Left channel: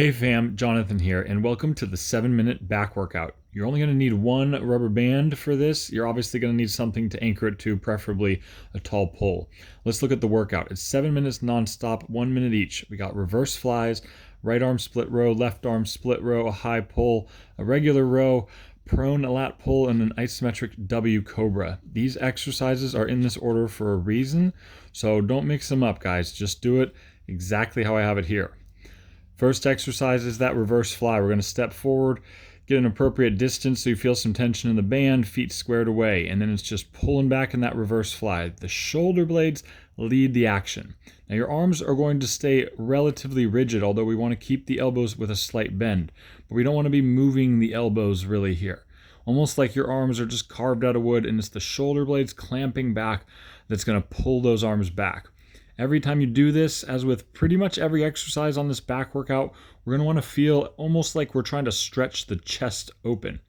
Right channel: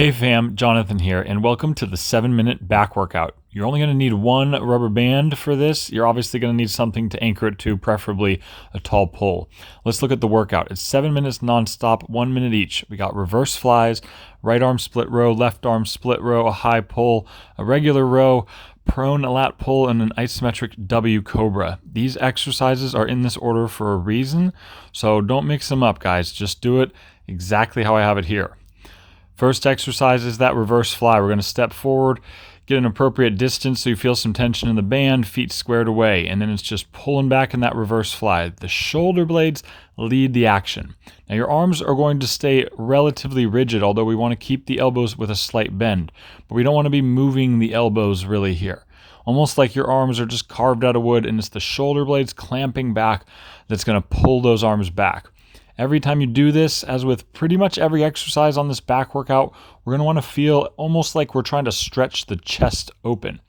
Hey fam, Jonathan here, and welcome to the 7-minute back workout. You're only going to need one rubber band for this. You're obviously going to need something to anchor it to, preferably a tall pull. Let's look at the workout. It's 7 minutes nonstop, 1 minute each. We got reverse flies, right arm split row, left arm split row, a high pull, a regular row, prone lat pull, and an isometric W Cobra. These exercises are in this order for a reason, so don't mix them up, guys. Just do it exactly how I have it here. First exercise is that reverse fly. We're going to step forward, get an appropriate distance so you feel some tension in the band, feet squared away, and then it's just pulling back in that reverse fly. The shoulder blades lead the action. Now your arms are going to stay relatively rigid, although we want to keep the elbows with a slight bend, but we don't want to be moving the elbows really here. Almost like your arms are just carved out of wood, and it's the shoulder blades clamping back that's going to pull those arms back. Every time you do this, as with pretty much every exercise on this back workout, we're going to want to feel almost like we're trying to stretch the chest open.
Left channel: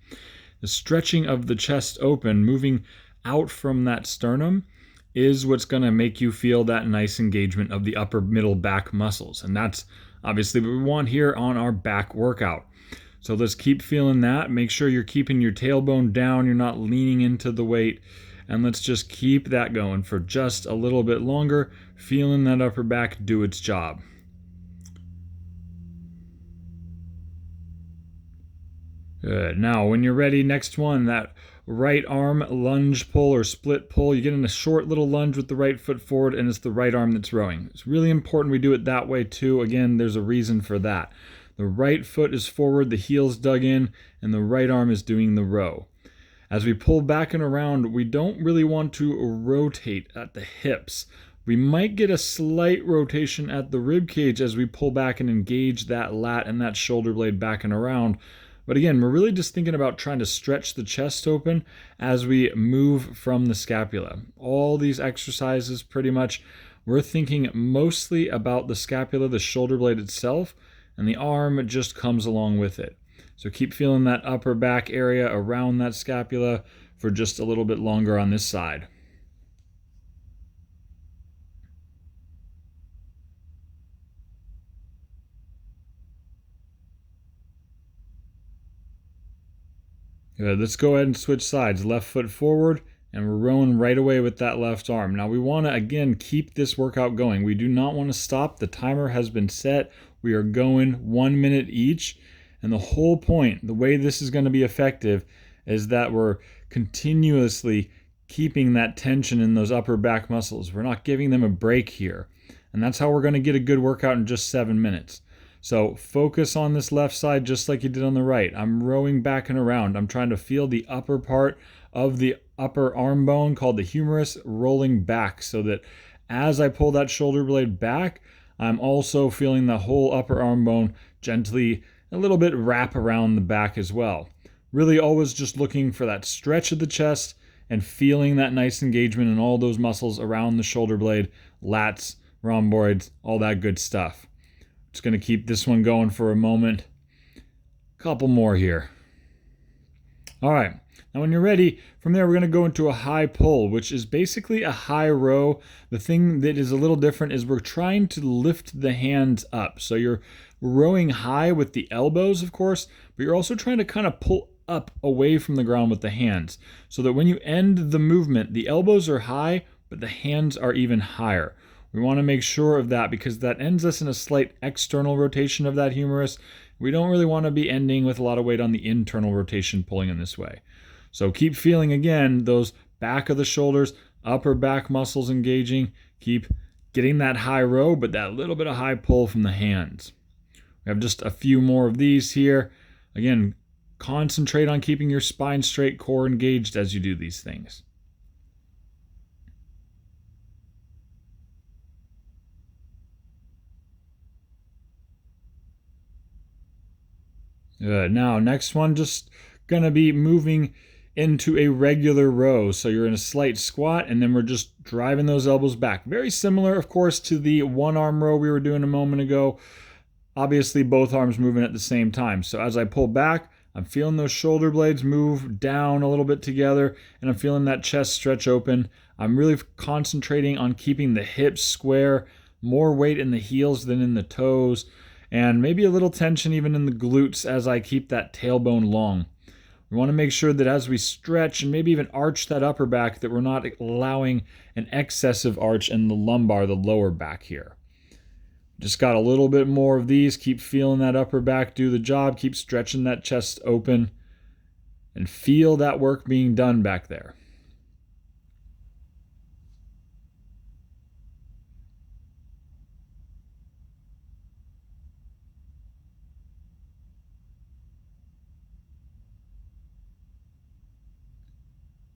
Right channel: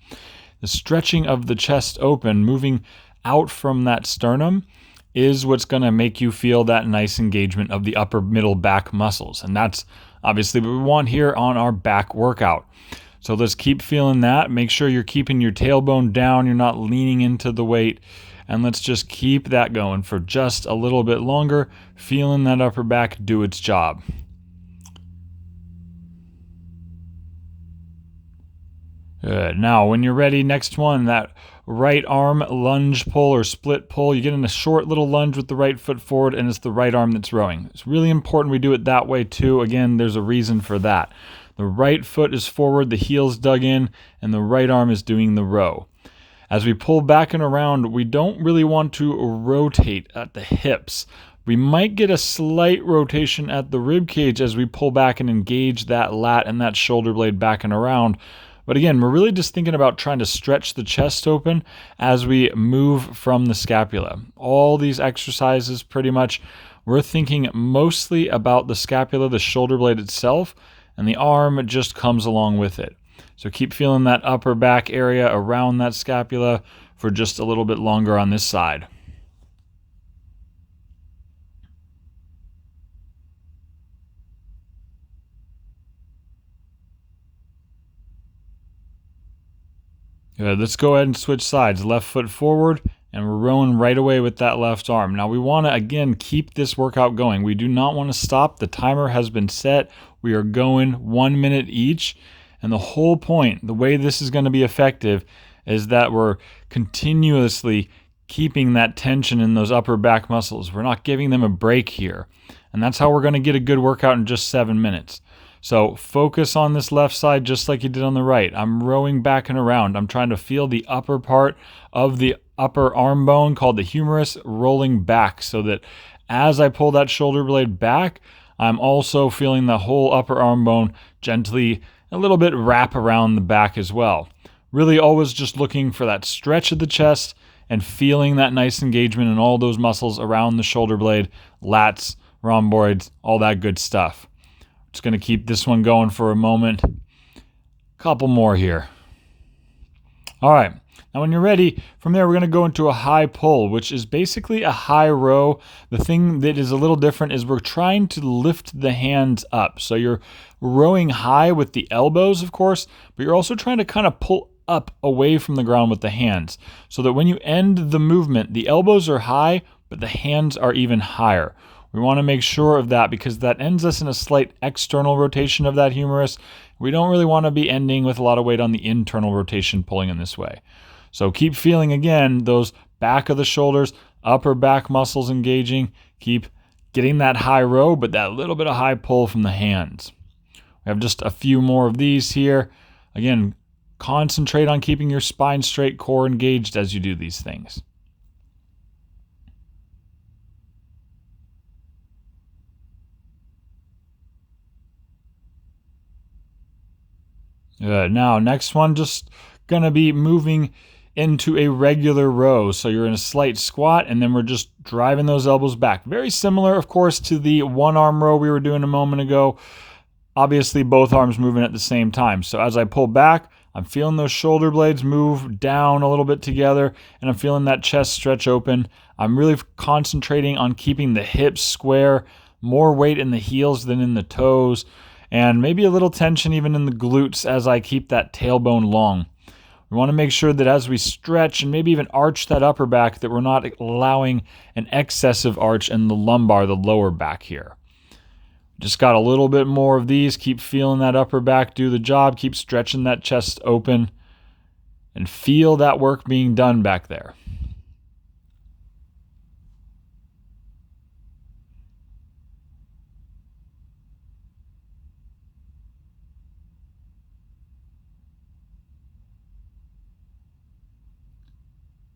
The stretching of the chest open, moving out from that sternum, is what's going to make you feel that nice engagement of the upper middle back muscles. And that's obviously what we want here on our back workout. So let's keep feeling that. Make sure you're keeping your tailbone down. You're not leaning into the weight. And let's just keep that going for just a little bit longer, feeling that upper back do its job. Good. Now, when you're ready, next one, that right arm lunge pull or split pull. You get in a short little lunge with the right foot forward, and it's the right arm that's rowing. It's really important we do it that way too. Again, there's a reason for that. The right foot is forward, the heel's dug in, and the right arm is doing the row. As we pull back and around, we don't really want to rotate at the hips. We might get a slight rotation at the rib cage as we pull back and engage that lat and that shoulder blade back and around. But again, we're really just thinking about trying to stretch the chest open as we move from the scapula. All these exercises, pretty much, we're thinking mostly about the scapula, the shoulder blade itself, and the arm just comes along with it. So keep feeling that upper back area around that scapula for just a little bit longer on this side. Good. Let's go ahead and switch sides. Left foot forward, and we're rowing right away with that left arm. Now we want to, again, keep this workout going. We do not want to stop. The timer has been set. We are going 1 minute each. And the whole point, the way this is going to be effective, is that we're continuously keeping that tension in those upper back muscles. We're not giving them a break here. And that's how we're going to get a good workout in just 7 minutes. So focus on this left side just like you did on the right. I'm rowing back and around. I'm trying to feel the upper part of the upper arm bone called the humerus rolling back so that as I pull that shoulder blade back, I'm also feeling the whole upper arm bone gently a little bit wrap around the back as well. Really always just looking for that stretch of the chest and feeling that nice engagement in all those muscles around the shoulder blade, lats, rhomboids, all that good stuff. Just going to keep this one going for a moment. Couple more here. All right. Now when you're ready, from there we're going to go into a high pull, which is basically a high row. The thing that is a little different is we're trying to lift the hands up. So you're rowing high with the elbows, of course, but you're also trying to kind of pull up away from the ground with the hands so that when you end the movement, the elbows are high, but the hands are even higher. We want to make sure of that because that ends us in a slight external rotation of that humerus. We don't really want to be ending with a lot of weight on the internal rotation pulling in this way. So keep feeling, again, those back of the shoulders, upper back muscles engaging. Keep getting that high row, but that little bit of high pull from the hands. We have just a few more of these here. Again, concentrate on keeping your spine straight, core engaged as you do these things. Good. Now, next one, just going to be moving into a regular row. So you're in a slight squat, and then we're just driving those elbows back. Very similar, of course, to the one arm row we were doing a moment ago. Obviously, both arms moving at the same time. So as I pull back, I'm feeling those shoulder blades move down a little bit together, and I'm feeling that chest stretch open. I'm really concentrating on keeping the hips square, more weight in the heels than in the toes, and maybe a little tension even in the glutes as I keep that tailbone long. We want to make sure that as we stretch and maybe even arch that upper back, that we're not allowing an excessive arch in the lumbar, the lower back here. Just got a little bit more of these. Keep feeling that upper back do the job. Keep stretching that chest open and feel that work being done back there.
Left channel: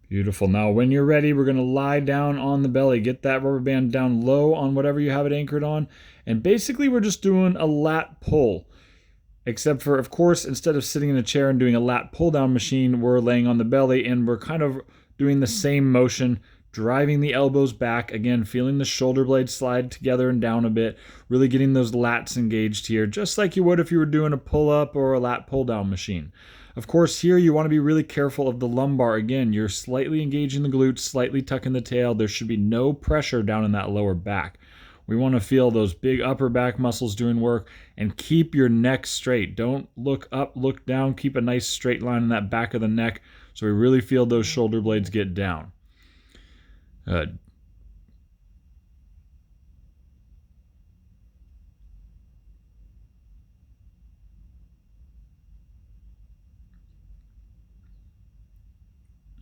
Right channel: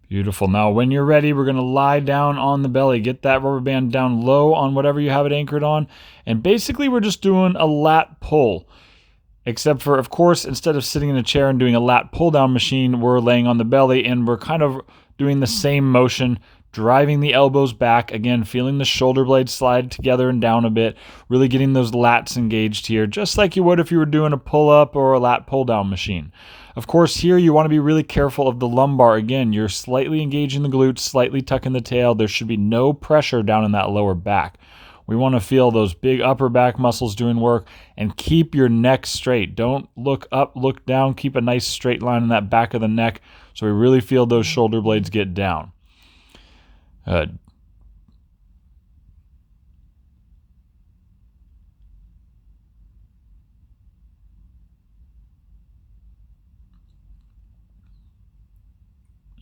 Beautiful. Now, when you're ready, we're going to lie down on the belly. Get that rubber band down low on whatever you have it anchored on. And basically, we're just doing a lat pull. Except for, of course, instead of sitting in a chair and doing a lat pull down machine, we're laying on the belly and we're kind of doing the same motion, driving the elbows back. Again, feeling the shoulder blades slide together and down a bit. Really getting those lats engaged here, just like you would if you were doing a pull up or a lat pull down machine. Of course, here you want to be really careful of the lumbar. Again, you're slightly engaging the glutes, slightly tucking the tail. There should be no pressure down in that lower back. We want to feel those big upper back muscles doing work, and keep your neck straight. Don't look up, look down. Keep a nice straight line in that back of the neck so we really feel those shoulder blades get down. Good.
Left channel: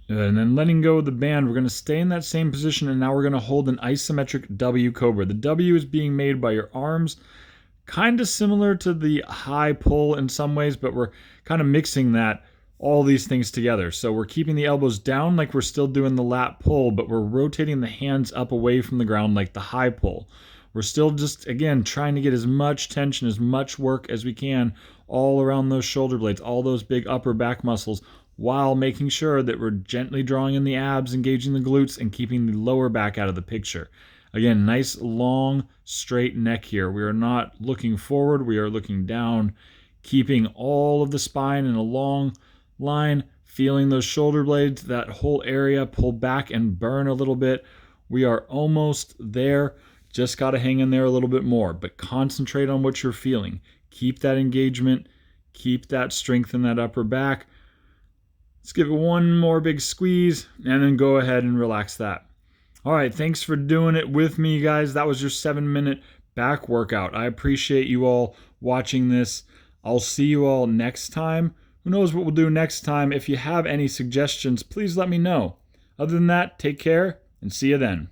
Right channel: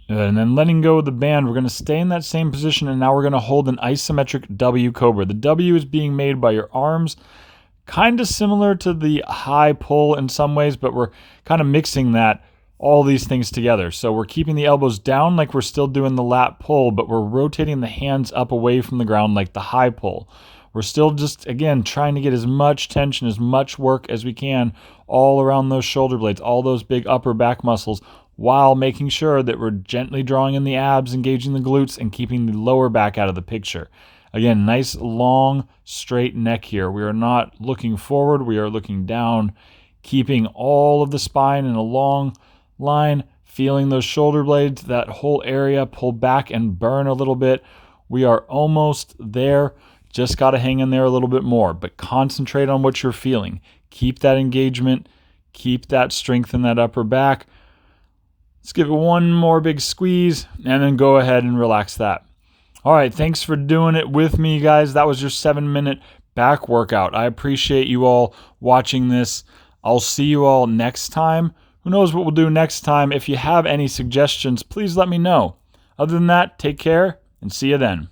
And then letting go of the band, we're going to stay in that same position, and now we're going to hold an isometric W Cobra. The W is being made by your arms, kind of similar to the high pull in some ways, but we're kind of mixing all these things together. So we're keeping the elbows down like we're still doing the lat pull, but we're rotating the hands up away from the ground like the high pull. We're still just, again, trying to get as much tension, as much work as we can all around those shoulder blades, all those big upper back muscles, while making sure that we're gently drawing in the abs, engaging the glutes, and keeping the lower back out of the picture. Again, nice, long, straight neck here. We are not looking forward. We are looking down, keeping all of the spine in a long line, feeling those shoulder blades, that whole area pull back and burn a little bit. We are almost there. Just got to hang in there a little bit more, but concentrate on what you're feeling. Keep that engagement. Keep that strength in that upper back. Let's give it one more big squeeze and then go ahead and relax that. All right, thanks for doing it with me, guys. That was your 7-minute back workout. I appreciate you all watching this. I'll see you all next time. Who knows what we'll do next time? If you have any suggestions, please let me know. Other than that, take care and see you then.